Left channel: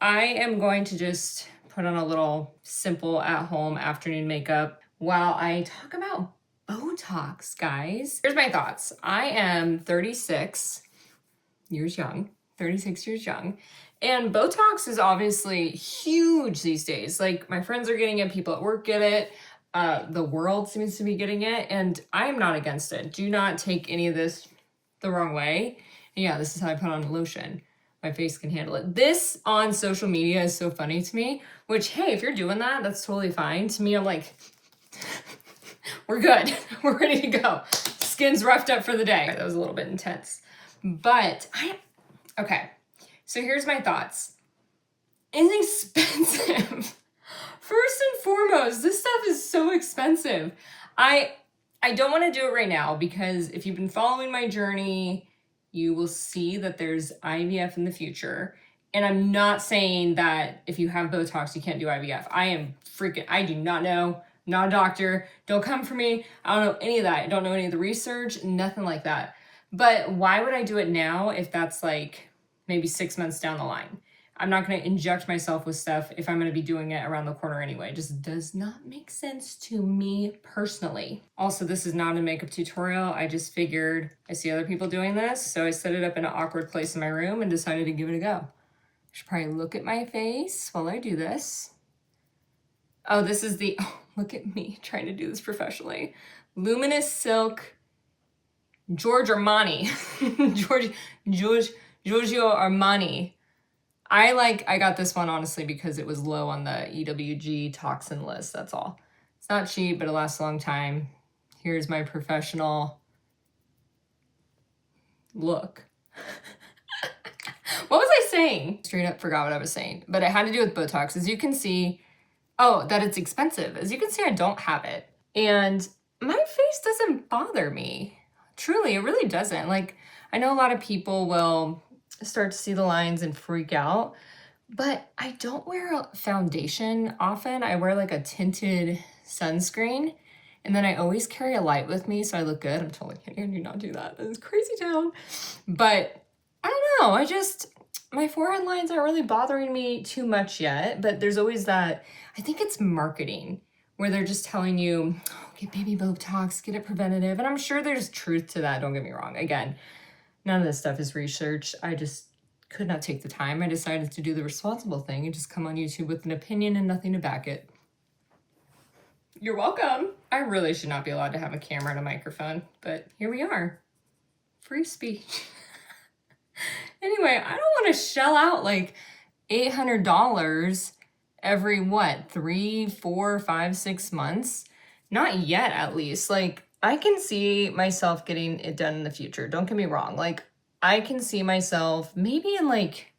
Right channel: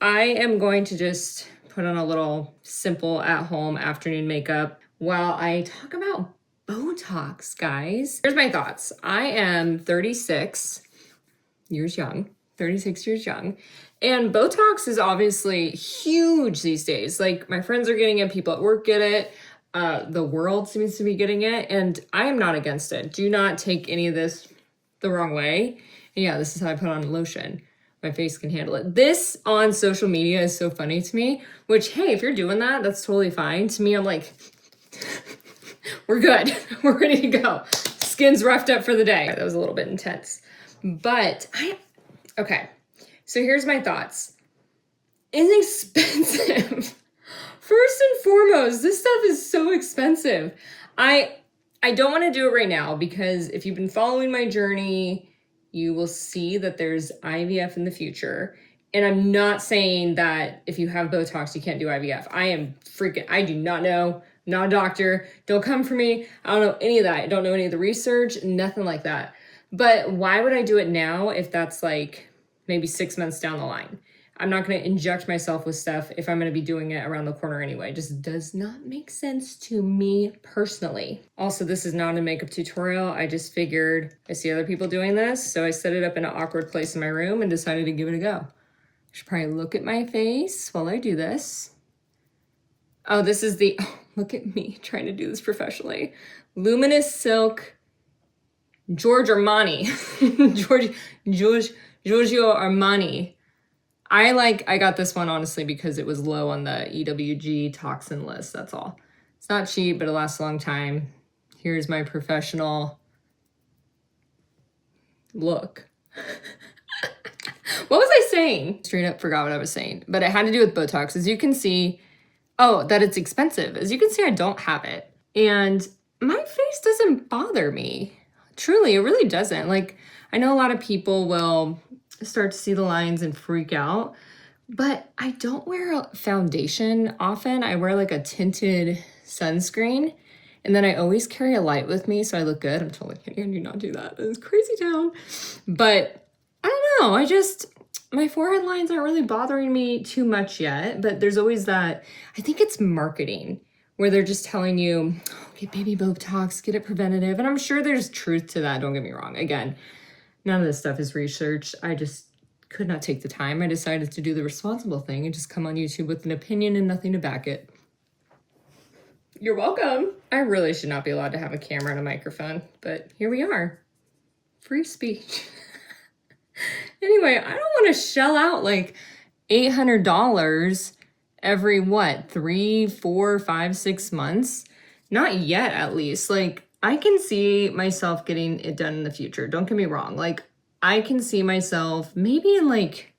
I am going to just put on a little simple at-home afternoon makeup while I talk about Botox, guys. Here's my thoughts. I am 36 years young, and Botox is obviously huge these days. Like, my friends are getting it, people at work get it, the world seems to be getting it, and I'm not against it. Do not take any of this the wrong way. And yeah, this is how I put on lotion. My face can handle it. This on social media is so funny to me, which, hey, if you're doing that, that's totally fine. To me, I'm like, we're good. We're ready to go. Skin's roughed up for the day. That was a little bit intense. But okay. So here's my thoughts. It's expensive. First and foremost, this stuff is so expensive. I don't want to do it right now because if you've been following my journey, you will see that there's IVF in the future. And I'm not saying that if you have Botox, you can't do IVF. I do not know, not a doctor. Don't come for me. I don't know any of that. I don't know any of the research, nothing like that. But why would I do it now if that's like maybe 6 months down the line? I'm not going to inject myself with stuff if I'm going to be doing it around the corner anyway. It just does not make sense to me personally. Also, this is not a makeup tutorial. I just figured I see other people doing this, so I set it up in an awkward place in my room and decided to give it a go. I should probably look at my face while I do this. Oh, this is look at me trying to do this professionally. Luminous Silk Giorgio Armani. Giorgio Armani. I got this one honestly because it was low on the EWG toxin list, that's all. It's not cheap, but it lasts a long time. Here's my professional look. What was I saying? Straight up forgot what I was saying, but it had to do with Botox. As you can see, that it's expensive. As you can see, I don't have it. And my face doesn't bother me. Truly, it really doesn't. Like, I know a lot of people will start to see the lines and freak out, but I don't wear a foundation often. I wear like a tinted sunscreen, and then I always carry a light with me so I look good. I'm totally kidding. I do not do that. It's crazy town. But I don't know. My forehead lines aren't really bothering me too much yet, but there's always that, I think it's marketing, where they're just telling you, get baby Botox, get it preventative. And I'm sure there's truth to that. Don't get me wrong. Again, none of this stuff is researched. I just could not take the time. I decided to do the responsible thing and just come on YouTube with an opinion and nothing to back it. You're welcome. I really should not be allowed to have a camera and a microphone, but here we are. Free speech. Anyway, I don't want to shell out like $800 every, 3, 4, 5, 6 months? Not yet, at least. Like, I can see myself getting it done in the future. Don't get me wrong. Like, I can see myself maybe in like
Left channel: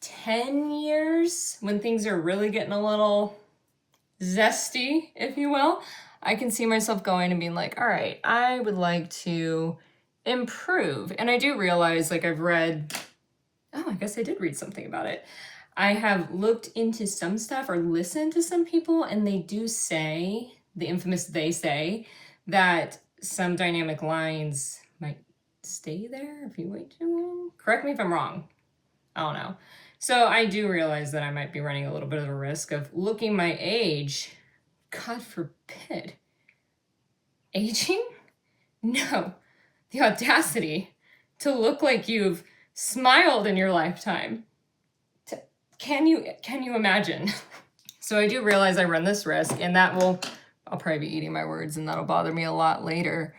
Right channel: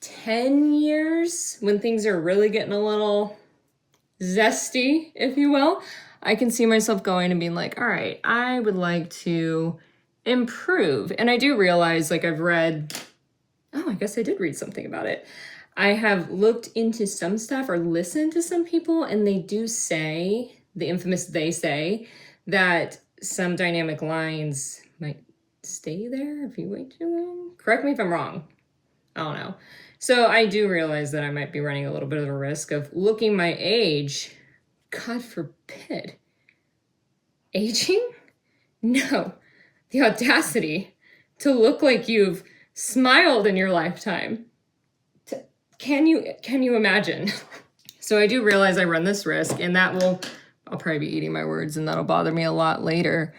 10 years when things are really getting a little zesty, if you will. I can see myself going and being like, all right, I would like to improve. And I do realize, like, I've read, I guess I did read something about it. I have looked into some stuff or listened to some people, and they do say, the infamous they say, that some dynamic lines might stay there if you wait too long. Correct me if I'm wrong. I don't know. So I do realize that I might be running a little bit of a risk of looking my age. God forbid. Aging? No. The audacity to look like you've smiled in your lifetime. Can you imagine? So I do realize I run this risk, and I'll probably be eating my words, and that'll bother me a lot later.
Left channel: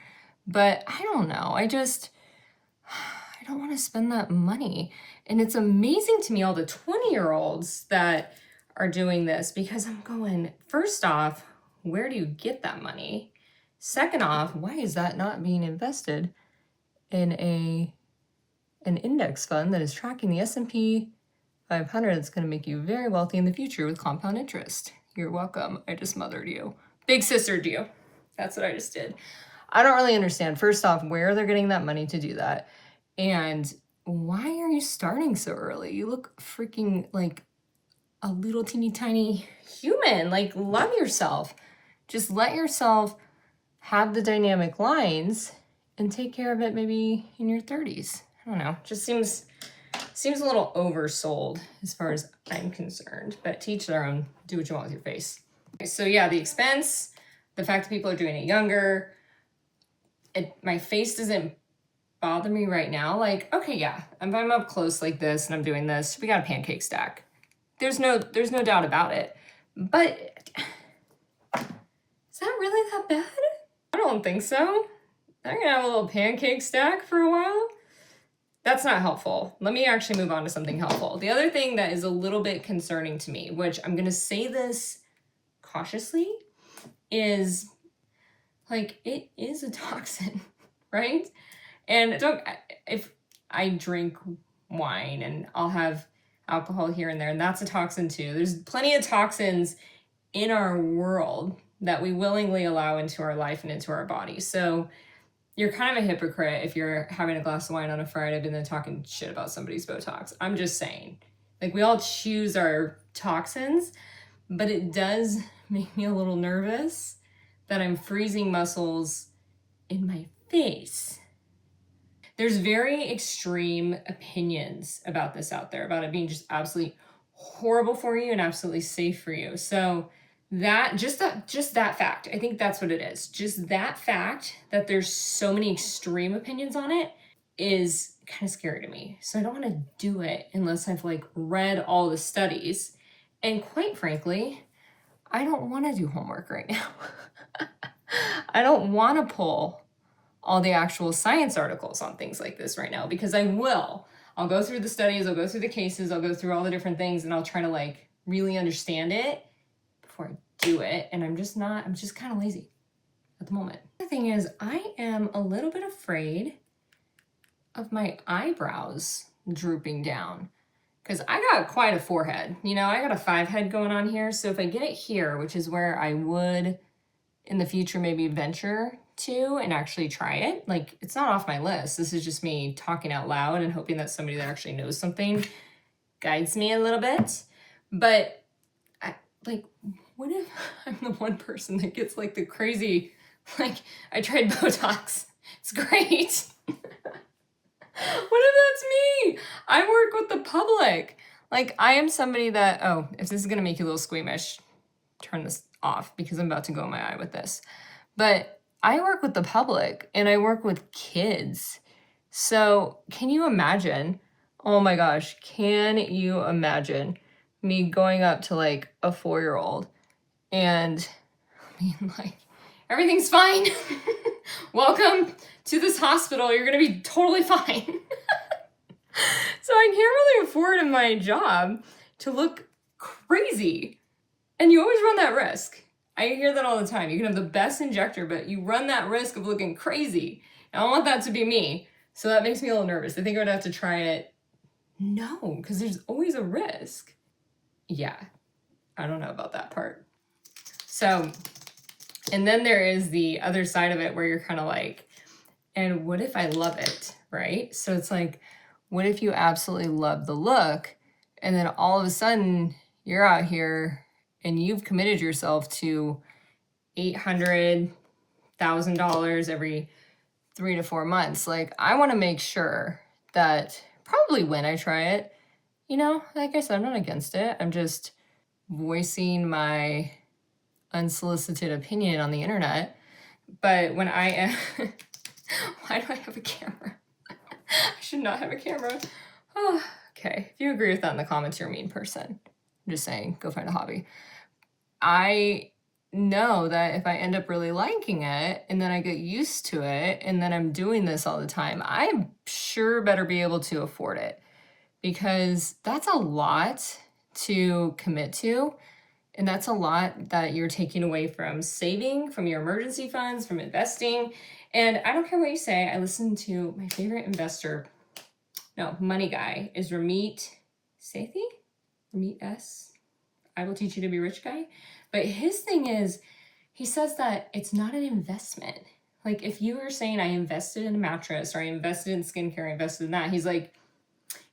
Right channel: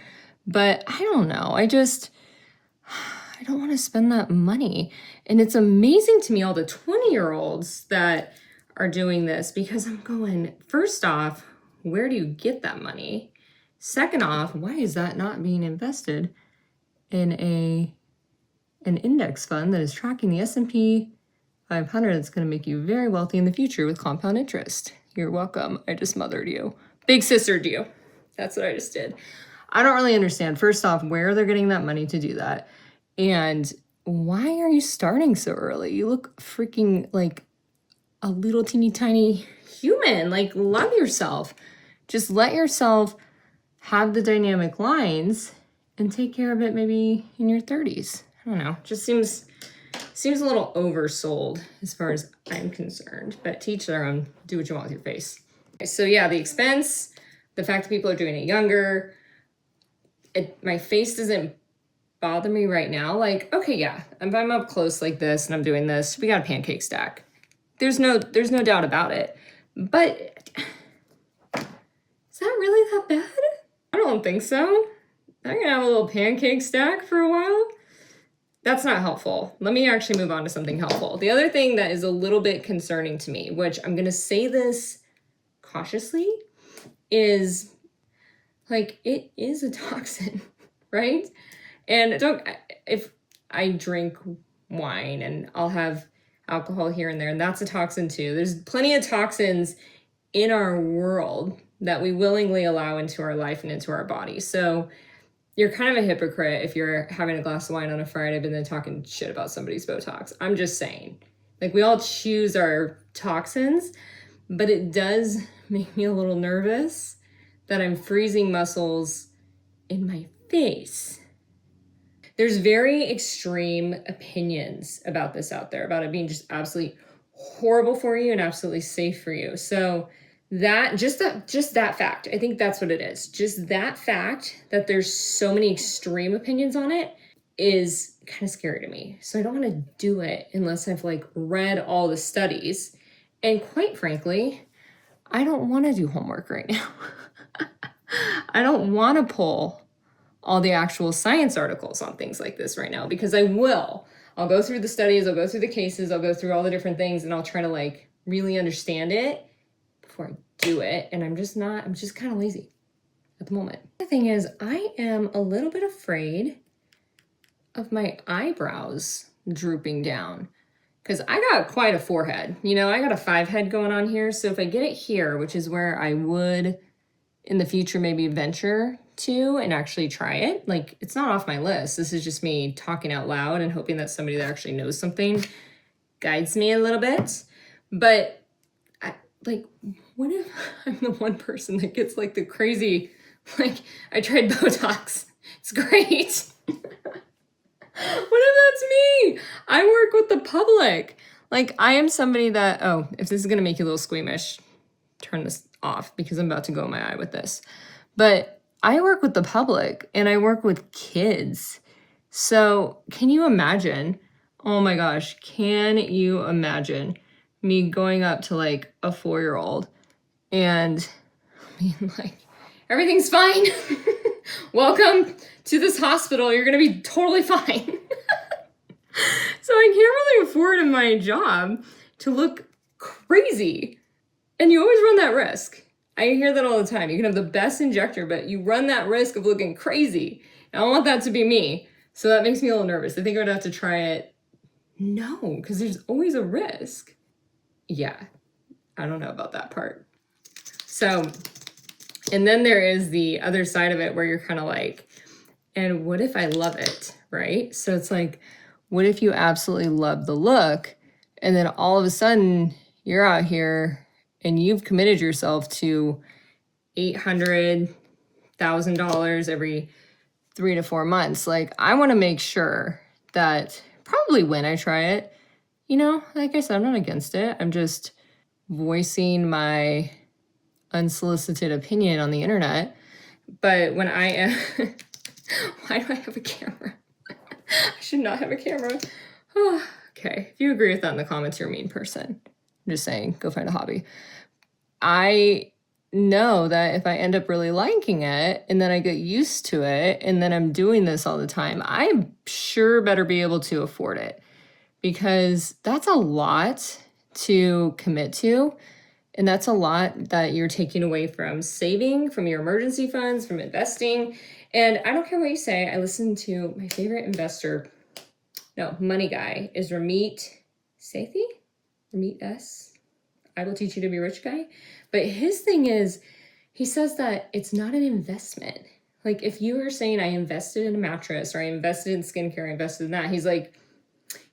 But I don't know. I don't want to spend that money. And it's amazing to me, all the 20-year-olds that are doing this, because I'm going, first off, where do you get that money? Second off, why is that not being invested in an index fund that is tracking the S&P 500 that's going to make you very wealthy in the future with compound interest? You're welcome. I just mothered you. Big sistered you. That's what I just did. I don't really understand, first off, where they're getting that money to do that. And why are you starting so early? You look freaking like a little teeny tiny human. Like, love yourself. Just let yourself have the dynamic lines and take care of it maybe in your 30s. I don't know. Just seems Seems a little oversold as far as I'm concerned, but to each their own. Do what you want with your face. Okay, so yeah, the expense, the fact that people are doing it younger, my face doesn't bother me right now. Like, okay, yeah, if I'm up close like this and I'm doing this, we got a pancake stack. There's no doubt about it. But is that really that bad? I don't think so. I'm gonna have a little pancake stack for a while. That's not helpful. Let me actually move on to something helpful. The other thing that is a little bit concerning to me, which I'm gonna say this cautiously, is like, it is a toxin, right? And if I drink wine and I'll have alcohol here and there, and that's a toxin too. There's plenty of toxins in our world that we willingly allow into our life and into our body. So you're kind of a hypocrite if you're having a glass of wine on a Friday and then talking shit about somebody's Botox. I'm just saying. Like, we all choose our toxins, but it does make me a little nervous that I'm freezing muscles in my face. There's very extreme opinions about this out there, about it being just absolutely horrible for you and absolutely safe for you. So just that fact, I think that's what it is. Just that fact that there's so many extreme opinions on it is kind of scary to me. So I don't want to do it unless I've like read all the studies. And quite frankly, I don't want to do homework right now. I don't want to pull all the actual science articles on things like this right now, because I will. I'll go through the studies, I'll go through the cases, I'll go through all the different things, and I'll try to like really understand it before I do it. And I'm just kind of lazy at the moment. The thing is, I am a little bit afraid of my eyebrows drooping down, because I got quite a forehead. You know, I got a 5 head going on here. So if I get it here, which is where I would in the future maybe venture to and actually try it, like, it's not off my list. This is just me talking out loud and hoping that somebody that actually knows something guides me a little bit. But what if I'm the one person that gets like the crazy, like, I tried Botox, it's great. What if that's me? I work with the public. Like, I am somebody that, oh, if this is gonna make you a little squeamish, turn this off because I'm about to go in my eye with this. But I work with the public and I work with kids. So can you imagine? Oh my gosh, can you imagine me going up to like a 4-year-old and being like, everything's fine. Welcome to this hospital. You're going to be totally fine. So I can't really afford in my job to look crazy. And you always run that risk. I hear that all the time. You can have the best injector, but you run that risk of looking crazy. And I don't want that to be me. So that makes me a little nervous. I think I would have to try it. No, because there's always a risk. Yeah, I don't know about that part. So, and then there is the other side of it where you're kind of like, and what if I love it, right? So it's like, what if you absolutely love the look and then all of a sudden you're out here and you've committed yourself to $800,000 every 3 to 4 months. Like, I want to make sure that probably when I try it, you know, like I said, I'm not against it. I'm just voicing my unsolicited opinion on the internet. But when I am, why do I have a camera? I should not have a camera. Oh, okay, if you agree with that in the comments, you're a mean person. I'm just saying, go find a hobby. I know that if I end up really liking it and then I get used to it and then I'm doing this all the time, I'm sure better be able to afford it, because that's a lot to commit to. And that's a lot that you're taking away from saving, from your emergency funds, from investing. And I don't care what you say. I listen to my favorite money guy is Ramit Sethi. Ramit S. I will teach you to be rich guy. But his thing is, he says that it's not an investment. Like, if you were saying I invested in a mattress or I invested in skincare, I invested in that, he's like,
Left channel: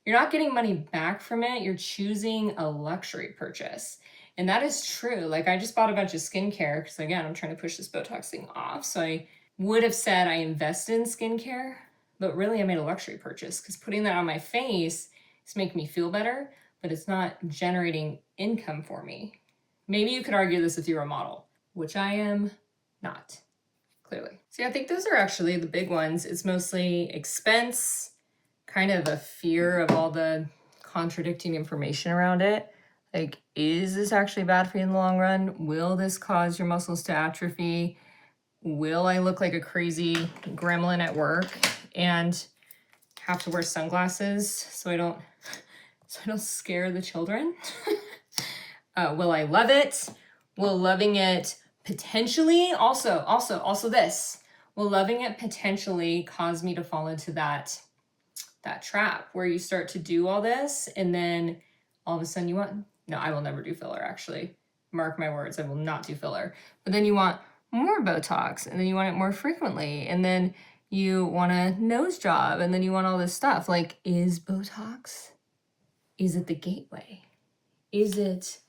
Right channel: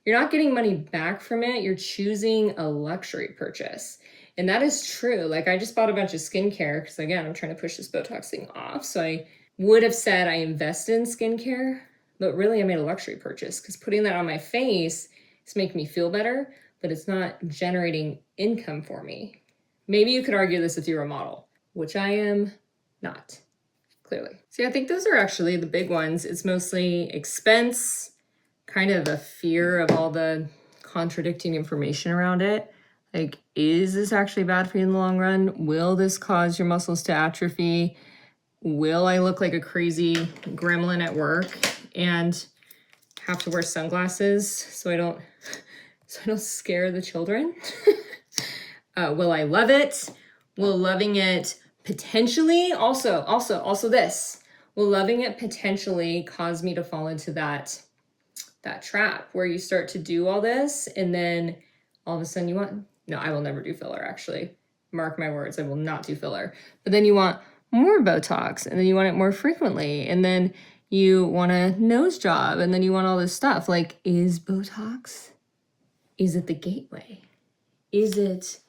you're not getting money back from it. You're choosing a luxury purchase. And that is true. Like, I just bought a bunch of skincare because, again, I'm trying to push this Botox thing off. So I would have said I invested in skincare, but really I made a luxury purchase, because putting that on my face It's making me feel better, but it's not generating income for me. Maybe you could argue this if you're a model, which I am not, clearly. See, I think those are actually the big ones. It's mostly expense, kind of a fear of all the contradicting information around it. Like, is this actually bad for you in the long run? Will this cause your muscles to atrophy? Will I look like a crazy gremlin at work and have to wear sunglasses so I don't scare the children? Will I love it? Will loving it potentially also this? Will loving it potentially cause me to fall into that trap where you start to do all this and then all of a sudden you want, no, I will never do filler, actually. Mark my words, I will not do filler. But then you want more Botox, and then you want it more frequently, and then you want a nose job, and then you want all this stuff. Like, is Botox, is it the gateway? Is it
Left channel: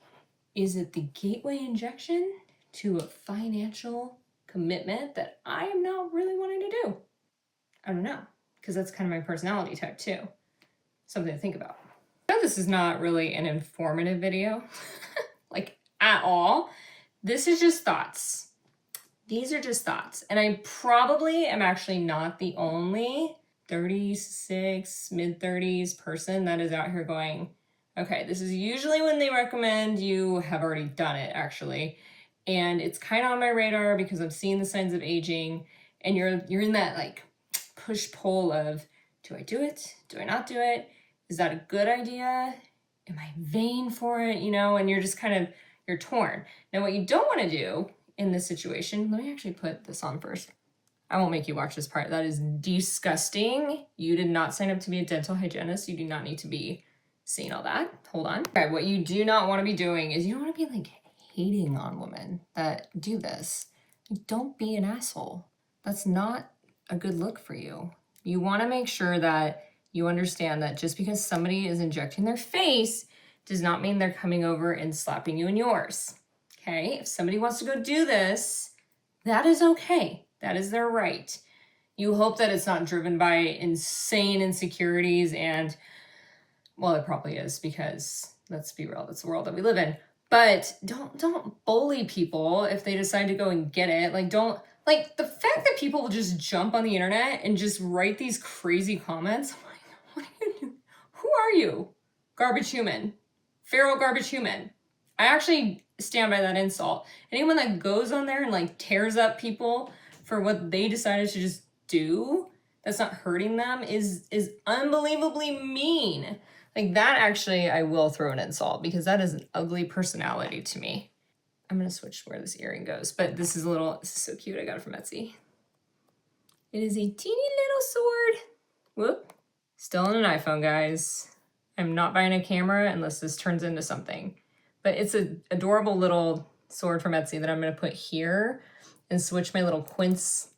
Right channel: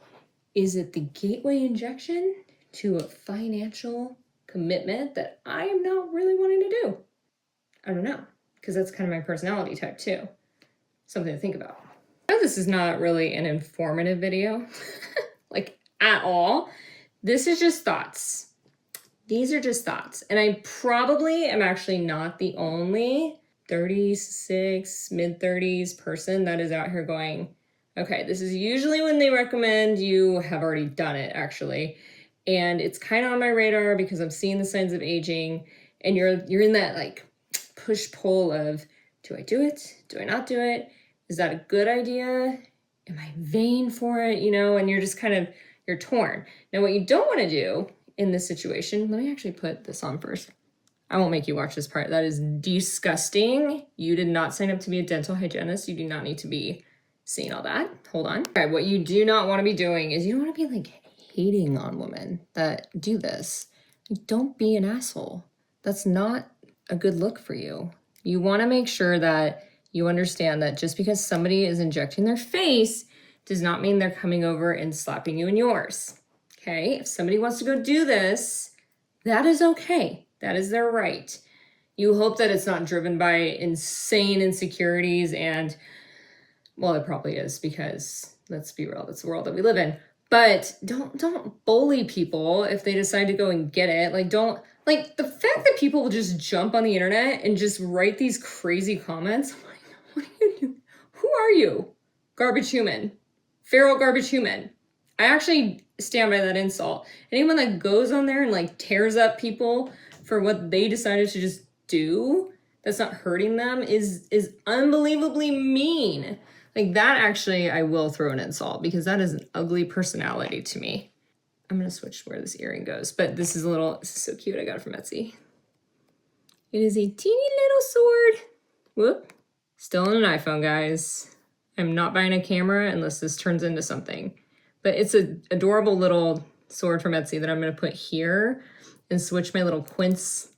the gateway injection to a financial commitment that I am not really wanting to do? I don't know, because that's kind of my personality type too. Something to think about. I know this is not really an informative video, like at all. This is just thoughts. These are just thoughts. And I probably am actually not the only 36, mid-30s person that is out here going, okay, this is usually when they recommend you have already done it, actually. And it's kind of on my radar because I'm seeing the signs of aging, and you're in that like push-pull of, do I do it? Do I not do it? Is that a good idea? Am I vain for it? You know, and you're just kind of, you're torn. Now, what you don't want to do in this situation, let me actually put this on first. I won't make you watch this part. That is disgusting. You did not sign up to be a dental hygienist. You do not need to be seeing all that. Hold on. All right, what you do not want to be doing is you don't want to be like hating on women that do this. Don't be an asshole. That's not a good look for you. You want to make sure that you understand that just because somebody is injecting their face does not mean they're coming over and slapping you in yours. Okay, if somebody wants to go do this, that is okay. That is their right. You hope that it's not driven by insane insecurities and, well, it probably is, because let's be real, that's the world that we live in. But don't bully people if they decide to go and get it. Like, don't, like, the fact that people will just jump on the internet and just write these crazy comments. I'm like, what are you doing? Who are you? Garbage human. Feral garbage human. I actually stand by that insult. Anyone that goes on there and like tears up people for what they decided to just do that's not hurting them is unbelievably mean. Like, that actually, I will throw an insult, because that is an ugly personality to me. I'm gonna switch where this earring goes, but this is so cute. I got it from Etsy. It is a teeny little sword. Whoop. Still on an iPhone, guys. I'm not buying a camera unless this turns into something. But it's an adorable little sword from Etsy that I'm going to put here and switch my little quince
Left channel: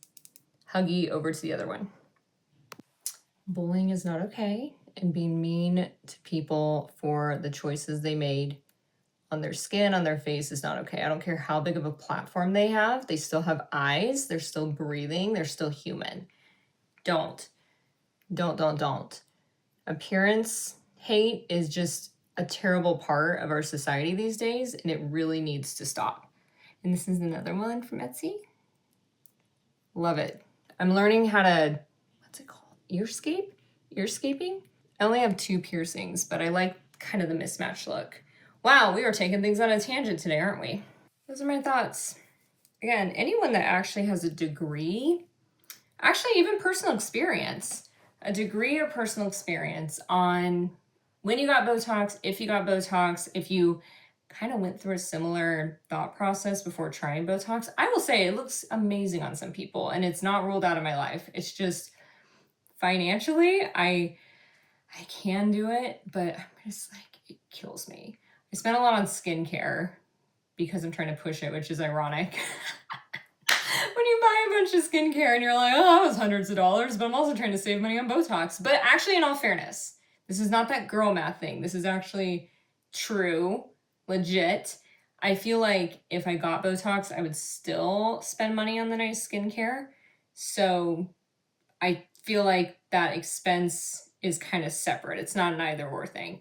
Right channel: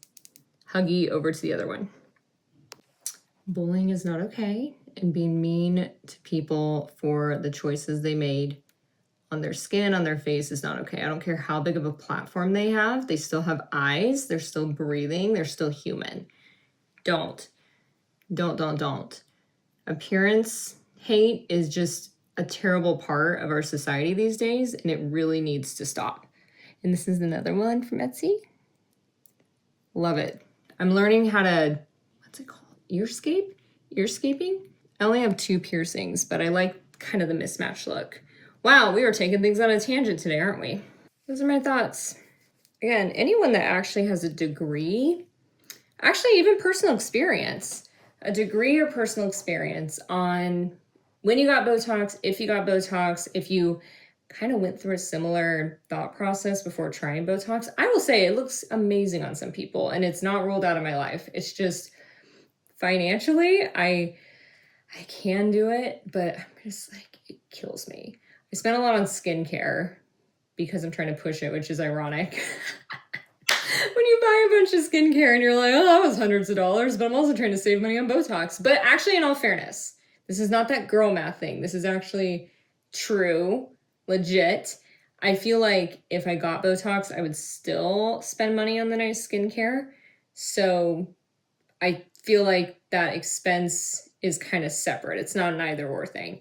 Huggy over to the other one. Bullying is not okay, and being mean to people for the choices they made on their skin, on their face, is not okay. I don't care how big of a platform they have. They still have eyes. They're still breathing. They're still human. Don't. Appearance hate is just a terrible part of our society these days, and it really needs to stop. And this is another one from Etsy. Love it. I'm learning how to, what's it called? Earscaping? I only have 2 piercings, but I like kind of the mismatched look. Wow, we are taking things on a tangent today, aren't we? Those are my thoughts. Again, anyone that actually has a degree, actually even personal experience, a degree or personal experience on when you got Botox, if you got Botox, if you kind of went through a similar thought process before trying Botox, I will say it looks amazing on some people, and it's not ruled out of my life. It's just financially, I can do it, but I'm just like, it kills me. I spent a lot on skincare because I'm trying to push it, which is ironic. When you buy a bunch of skincare and you're like, oh, that was hundreds of dollars, but I'm also trying to save money on Botox. But actually, in all fairness, this is not that girl math thing. This is actually true, legit. I feel like if I got Botox, I would still spend money on the nice skincare. So I feel like that expense is kind of separate. It's not an either or thing.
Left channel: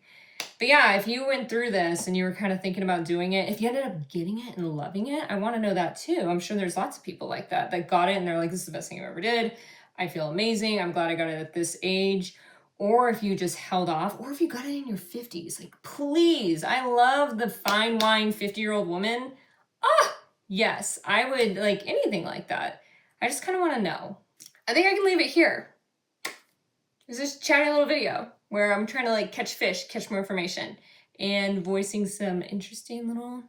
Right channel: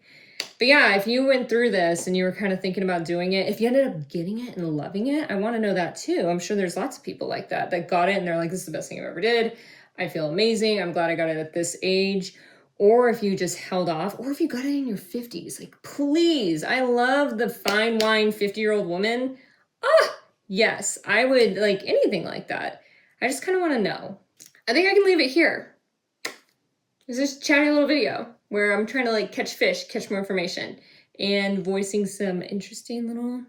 But yeah, if you went through this and you were kind of thinking about doing it, if you ended up getting it and loving it, I want to know that too. I'm sure there's lots of people like that got it and they're like, this is the best thing I ever did. I feel amazing. I'm glad I got it at this age. Or if you just held off, or if you got it in your 50s, like, please, I love the fine wine 50-year-old woman. Ah, yes, I would like anything like that. I just kind of want to know. I think I can leave it here. It's just a chatty little video where I'm trying to like catch fish, catch more information, and voicing some interesting little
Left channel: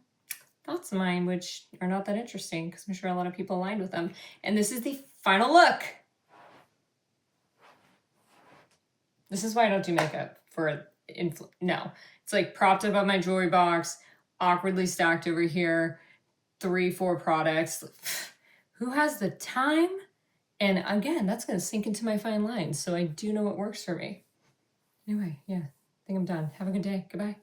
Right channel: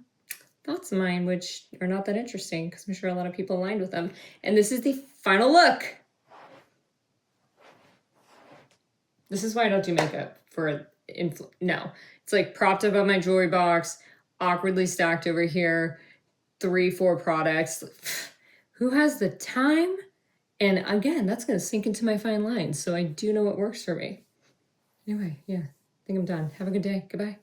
thoughts of mine, which are not that interesting because I'm sure a lot of people aligned with them. And this is the final look. This is why I don't do makeup for no. It's like propped up on my jewelry box, awkwardly stacked over here, 3-4 products. Who has the time? And again, that's going to sink into my fine lines, so I do know what works for me. Anyway, yeah, I think I'm done. Have a good day. Goodbye.